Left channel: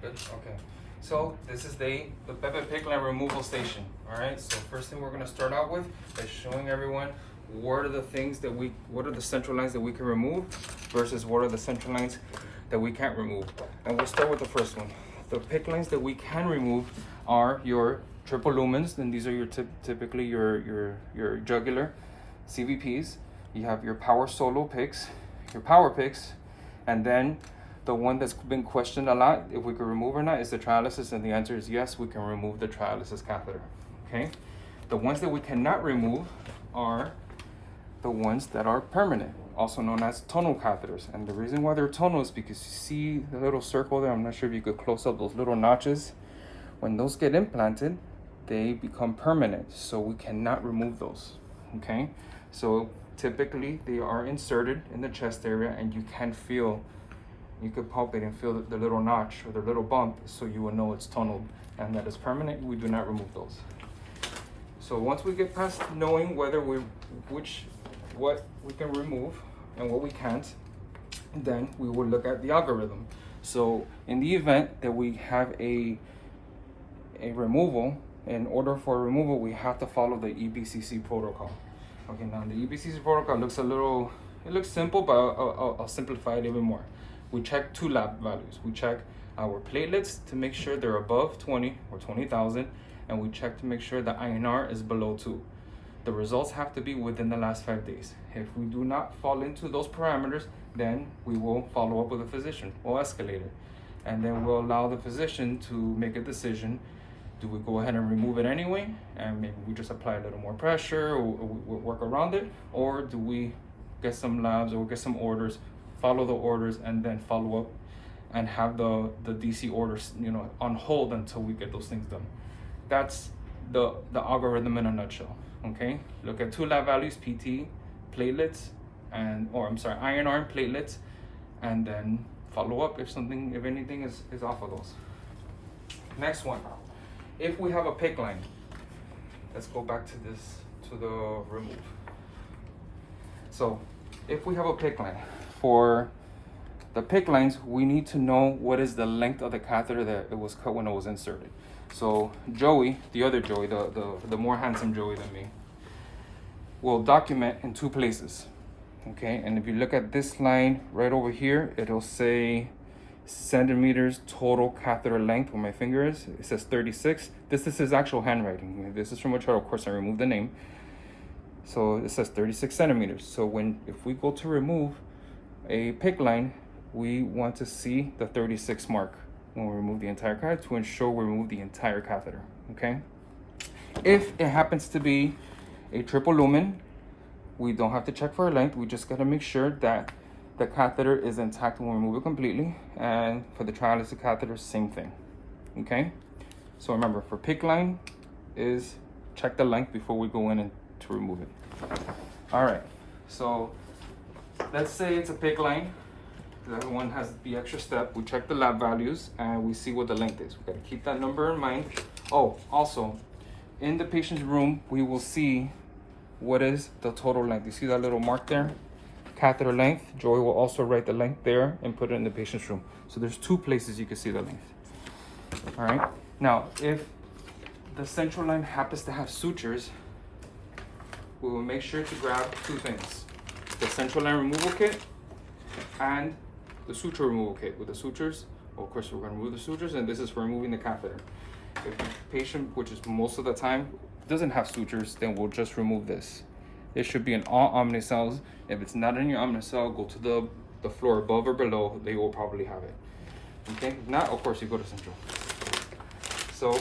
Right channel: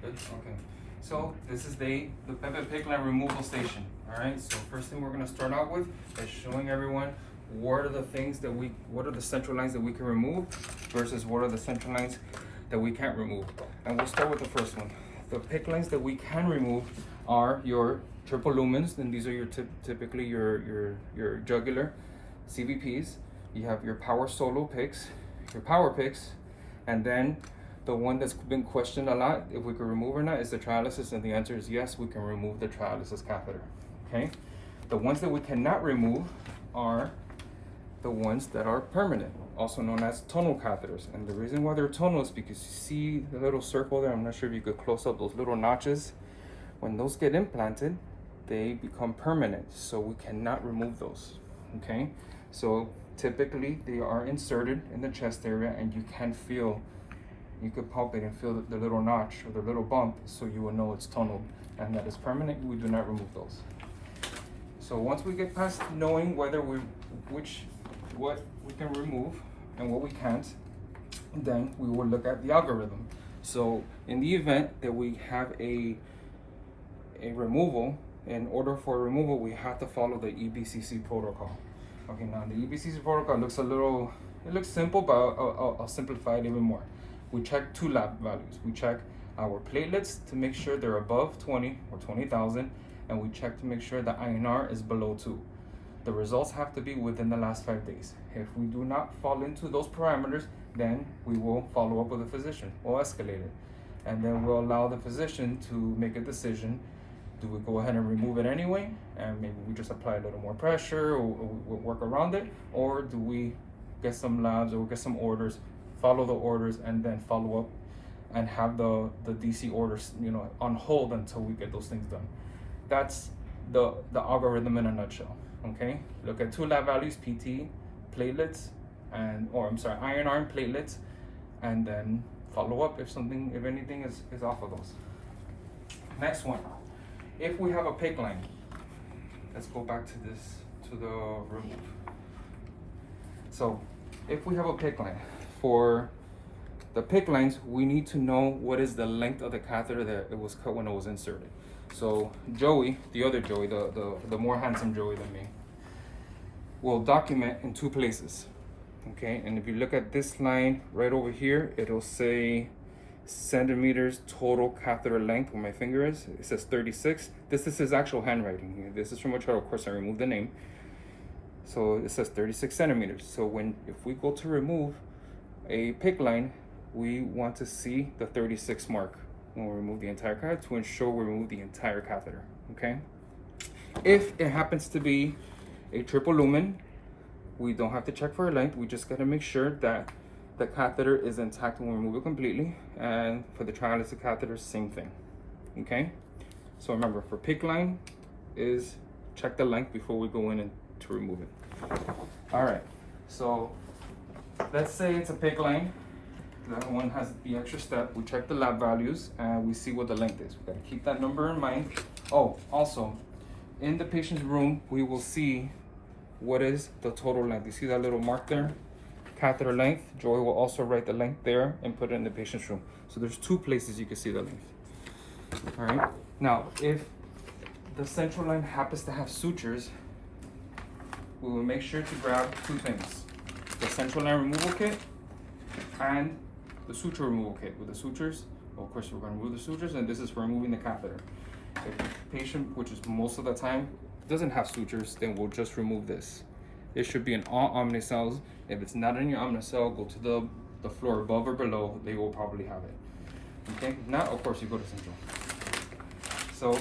Good. Okay. So this is the Pepe PICC line removal station. All right. So first thing we're going to start out with is showing everyone what are the things that what are the central lines that we can remove versus what are the central lines that we can't remove. And we'll start with the first one. The PICC lines that we can remove are your triple lumens, and these are your typically your jugular CVPs. You have your power solo PICCs, your power PICCs, and then the one that's been questioned a lot, if we can remove or not, is the trialysis, and the answer is yes, we can remove the trialysis catheter. Okay, the ones that we cannot remove are the ones that are permanent, also known as tonal catheters. And the reason why they're tonal is because you see the little circle there. I'm not sure if you could close up those little notches. When those get implanted, they become permanent, so we cannot remove those. Okay, so typically they are inserted in the chest area, and you can feel, you could palpate and feel the little notch or the little bump, so you will know it's tonal and that it's permanent. We do not remove those. So once we get past knowing whether what we can remove and what we can't, then we will look at the algorithm. So in the event that we have a removal, in order for a removal, we have to follow the EBCC protocol. Okay, now the EBCC protocol looks it looks simple, but I'll simplify it even more. We check two lab values. We check our platelets to make sure they're above 20 or 20,000, and we check to make sure the INR is below 2. The results have to be within the last 5 days. If we do not fall into those parameters, then we will follow up with a physician. We'll escalate it, and then we'll allow the physician to make a decision. Do we go ahead and remove it anyway, and maybe we just apply a little more pressure, or we'll work around it, or do we get some labs or get some orders, follow the orders, and then follow up and have the DC orders, on hold until we get those things done. That's the algorithm in a nutshell. Okay, look at two lab values: PT, platelets, INR and platelets, and then follow up if anything is off of those. Next one, if we have a PICC line, let's go back to the remove. So if we have a PICC line, for the PICC lines, we need to know what is the length of the catheter that it was cut when it was inserted. So Joey, the other Joey, the more handsome Joey than me, will document in two places. Okay, and if you look at this line right over here, it'll say centimeters total catheter length, where my finger is. It says 36. This is his actual handwriting. This is from a chart. Of course, I removed the name. So it says 36 centimeters. So if we go to remove a PICC line, we want to see the 36 mark when we remove the entire catheter to ensure we remove the entire catheter. Okay, if it happens to be a triple lumen, we don't have to check for a length. We just got to make sure that the catheter is intact when we remove it completely. And for the trialysis catheter, same thing. Okay, so remember, for PICC line is check the length before we go in and to remove it. All right, so let's say it's a PICC line. That one has the extra step. We check the lab values and we see what the length is. We gotta keep that number in mind. Oh, also, in the patient's room, we will see what is the total length. You see that little mark there? Catheter length. Joey will also write the length there and put it in the patient's room. So there's two places you can see the length. All right. Now, if the central line happens to have sutures, we will make sure to grab two things: the central line removal kit and the suture removal kit. With the sutures, well, of course, we're going to remove the sutures, and this is for removing the catheter. If the patient, which is most of the time, doesn't have sutures, then we'll just remove this. It should be in all omnicells. If it's not in your omnicell, go to the floor above or below. They will probably have it. Okay, if not, of course, you go to central. So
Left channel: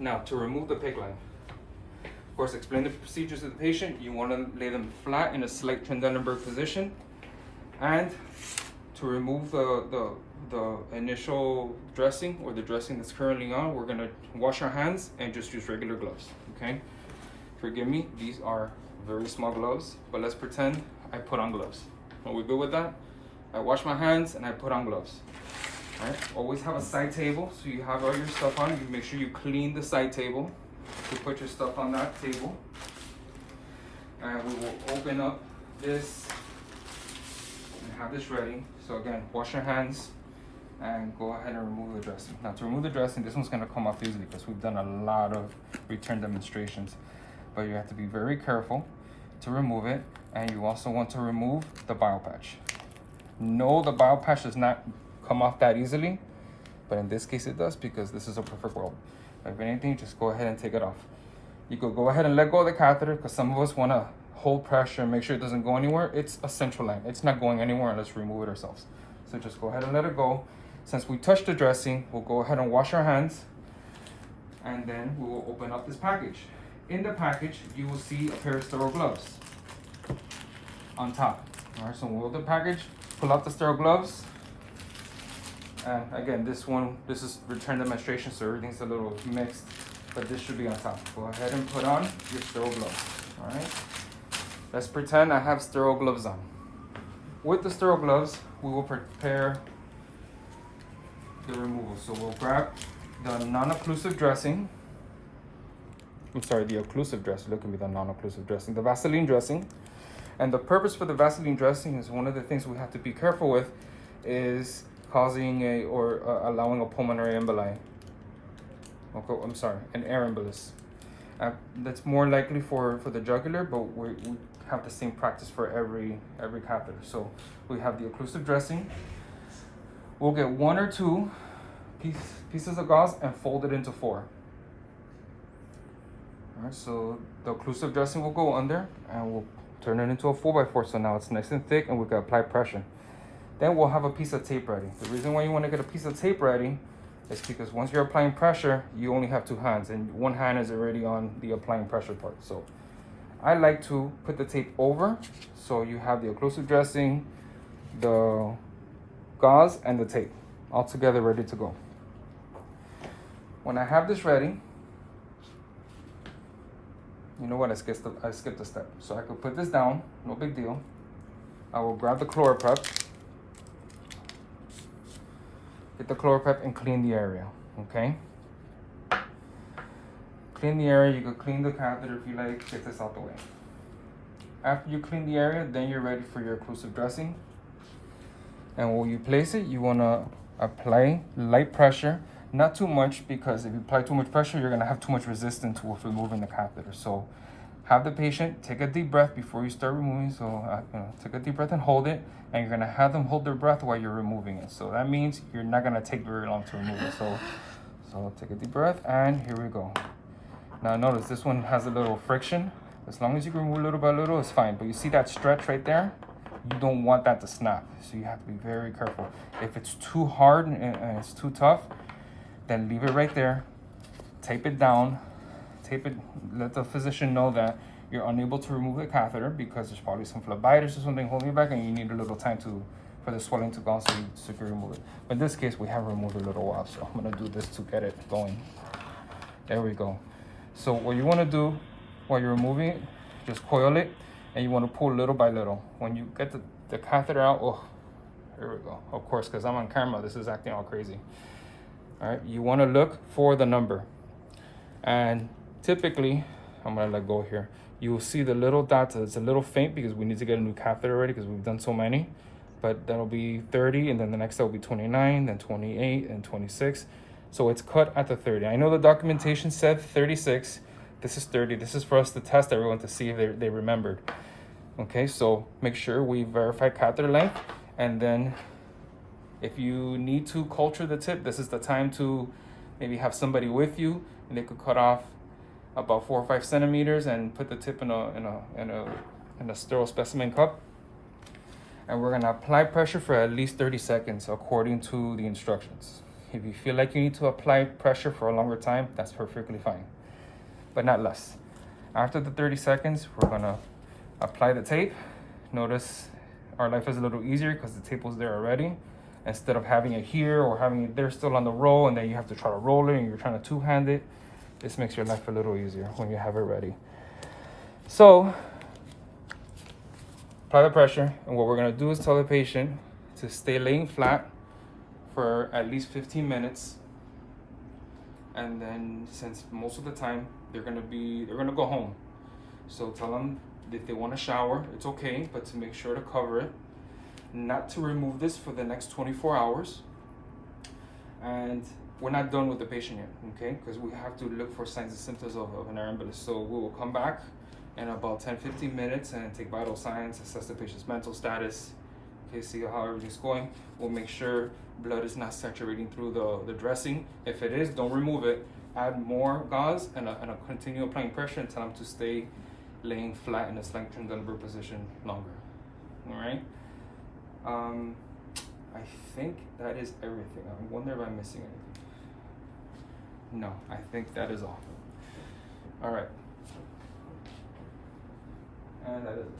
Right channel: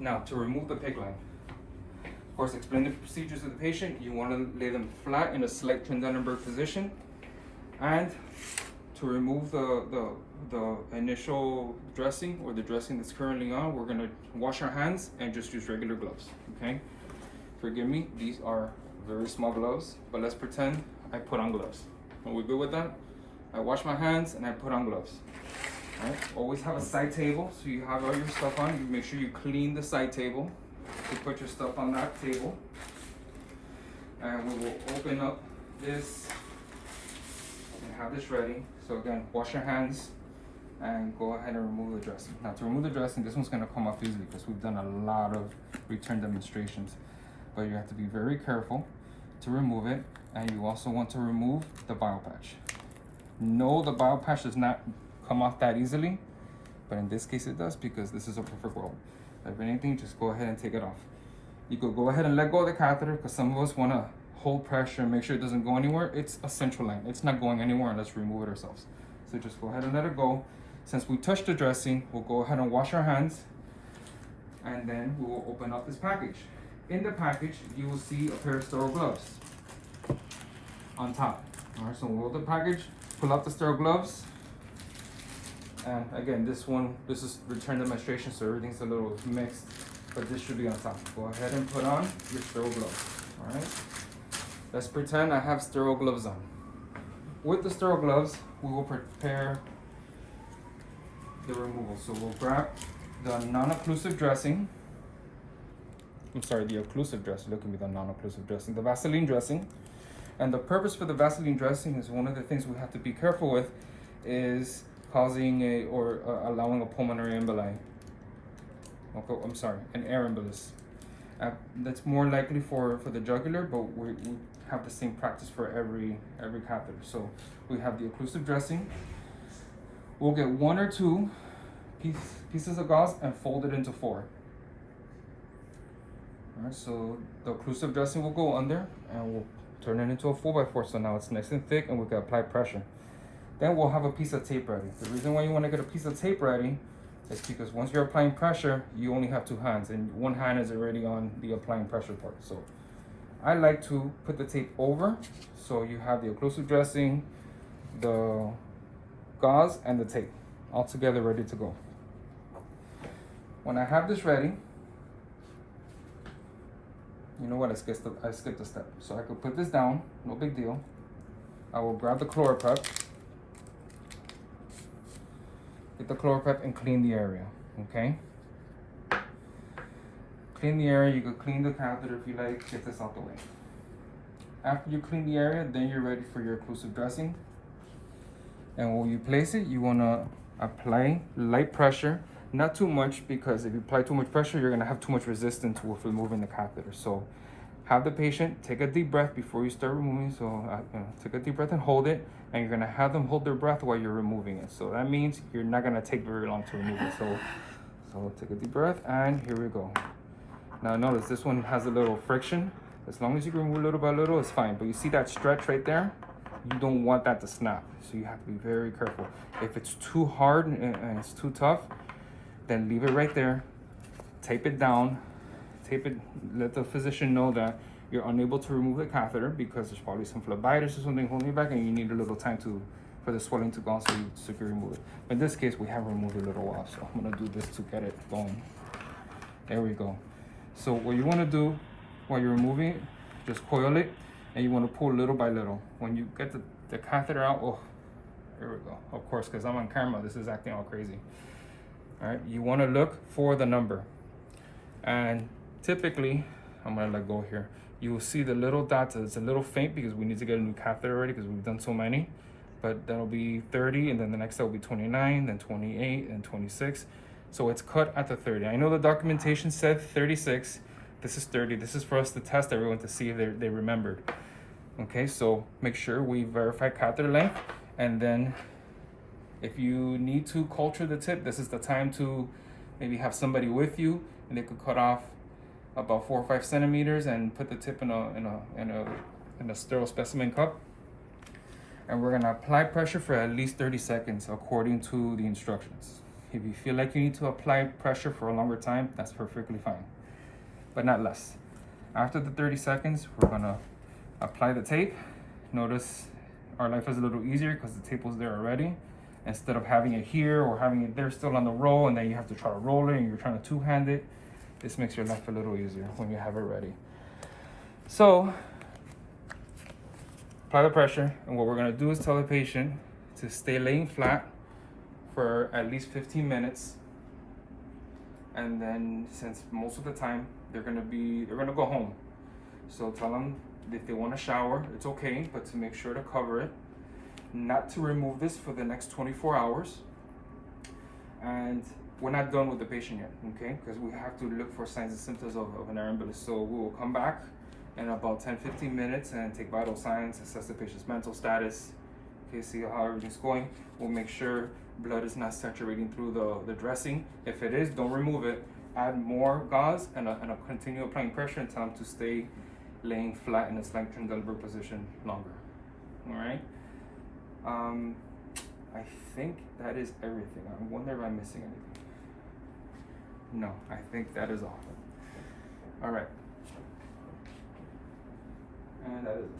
now to remove the PICC line, of course, explain the procedures to the patient. You want to lay them flat in a slight Trendelenburg position, and to remove the initial dressing or the dressing that's currently on, we're gonna wash our hands and just use regular gloves. Okay, forgive me, these are very small gloves, but let's pretend I put on gloves. Are we good with that? I wash my hands and I put on gloves. All right, always have a side table, so you have all your stuff on. You make sure you clean the side table to put your stuff on that table. And we will open up this and have this ready. So again, wash your hands, and go ahead and remove the dressing. Now to remove the dressing, this one's gonna come off easily because we've done a lot of return demonstrations, but you have to be very careful to remove it, and you also want to remove the bio patch. No, the bio patch does not come off that easily, but in this case it does because this is a perfect world. If anything, just go ahead and take it off. You could go ahead and let go of the catheter because some of us want to hold pressure and make sure it doesn't go anywhere. It's a central line. It's not going anywhere unless we remove it ourselves. So just go ahead and let it go. Since we touched the dressing, we'll go ahead and wash our hands, and then we will open up this package. In the package, you will see a pair of sterile gloves on top. All right, so we'll open the package, pull out the sterile gloves. And again, this is return demonstration, so everything's a little mixed, but this should be on top. Go ahead and put on your sterile gloves, all right? Let's pretend I have sterile gloves on. With the sterile gloves, we will prepare the removal. So we'll grab the non-occlusive dressing. I'm sorry, the occlusive dressing. Look at me, the non-occlusive dressing, the Vaseline dressing. And the purpose for the Vaseline dressing is one of the things we have to be careful with is causing allowing a pulmonary emboli. I'm sorry, an air embolus. That's more likely for the jugular, but we have the same practice for every catheter. So we have the occlusive dressing. We'll get 1 or 2 pieces of gauze and fold it into 4. All right, so the occlusive dressing will go under, and we'll turn it into a 4x4. So now it's nice and thick, and we can apply pressure. Then we'll have a piece of tape ready. The reason why you want to get a piece of tape ready is because once you're applying pressure, you only have 2 hands, and one hand is already on the applying pressure part. So I like to put the tape over, so you have the occlusive dressing, the gauze, and the tape all together ready to go. When I have this ready, you know what, I skipped a step. So I could put this down, no big deal. I will grab the ChloraPrep, get the ChloraPrep and clean the area, okay? Clean the area, you could clean the catheter if you like, get this out the way. After you clean the area, then you're ready for your occlusive dressing. And when you place it, you wanna apply light pressure, not too much, because if you apply too much pressure, you're gonna have too much resistance with removing the catheter. So have the patient take a deep breath before you start removing. So take a deep breath and hold it, and you're gonna have them hold their breath while you're removing it. So that means you're not gonna take very long to remove it. So take a deep breath, and here we go. Now notice this one has a little friction. As long as you can remove little by little, it's fine. But you see that stretch right there? You don't want that to snap. So you have to be very careful. If it's too hard and it's too tough, then leave it right there. Tape it down. Tape it, let the physician know that you're unable to remove the catheter because there's probably some phlebitis or something holding you back, and you need a little time for the swelling to go so you can remove it. But in this case, we have removed a little while, so I'm gonna do this to get it going. There we go. So what you wanna do while you're removing it, just coil it, and you wanna pull little by little. When you get the catheter out, oh, there we go. Of course, because I'm on camera, this is acting all crazy. All right, you wanna look for the number. And typically, I'm gonna let go here. You will see the little dots. It's a little faint because we need to get a new catheter ready because we've done so many. But that'll be 30, and then the next will be 29, then 28, and 26. So it's cut at the 30. I know the documentation said 36. This is 30. This is for us to test everyone to see if they remembered. Okay, so make sure we verify catheter length, and then if you need to culture the tip, this is the time to maybe have somebody with you, and they could cut off about 4 or 5 centimeters and put the tip in a sterile specimen cup. And we're gonna apply pressure for at least 30 seconds according to the instructions. If you feel like you need to apply pressure for a longer time, that's perfectly fine, but not less. After the 30 seconds, we're gonna apply the tape. Notice our life is a little easier because the tape was there already. Instead of having it here or having it there still on the roll, and then you have to try to roll it and you're trying to two-hand it, this makes your life a little easier when you have it ready. So apply the pressure, and what we're gonna do is tell the patient to stay laying flat for at least 15 minutes. And then, since most of the time they're gonna go home, so tell them if they want to shower, it's okay, but to make sure to cover it, not to remove this for the next 24 hours. And we're not done with the patient yet, okay? Because we have to look for signs and symptoms of an air embolus. So we will come back in about 10-15 minutes and take vital signs, assess the patient's mental status, okay, see how everything's going. We'll make sure blood is not saturating through the dressing. If it is, don't remove it. Add more gauze and continue applying pressure and tell them to stay laying flat in a slight transverse position longer. All right. I think that is everything. I wonder if I'm missing anything. No, I think that is all. All right. And that is it.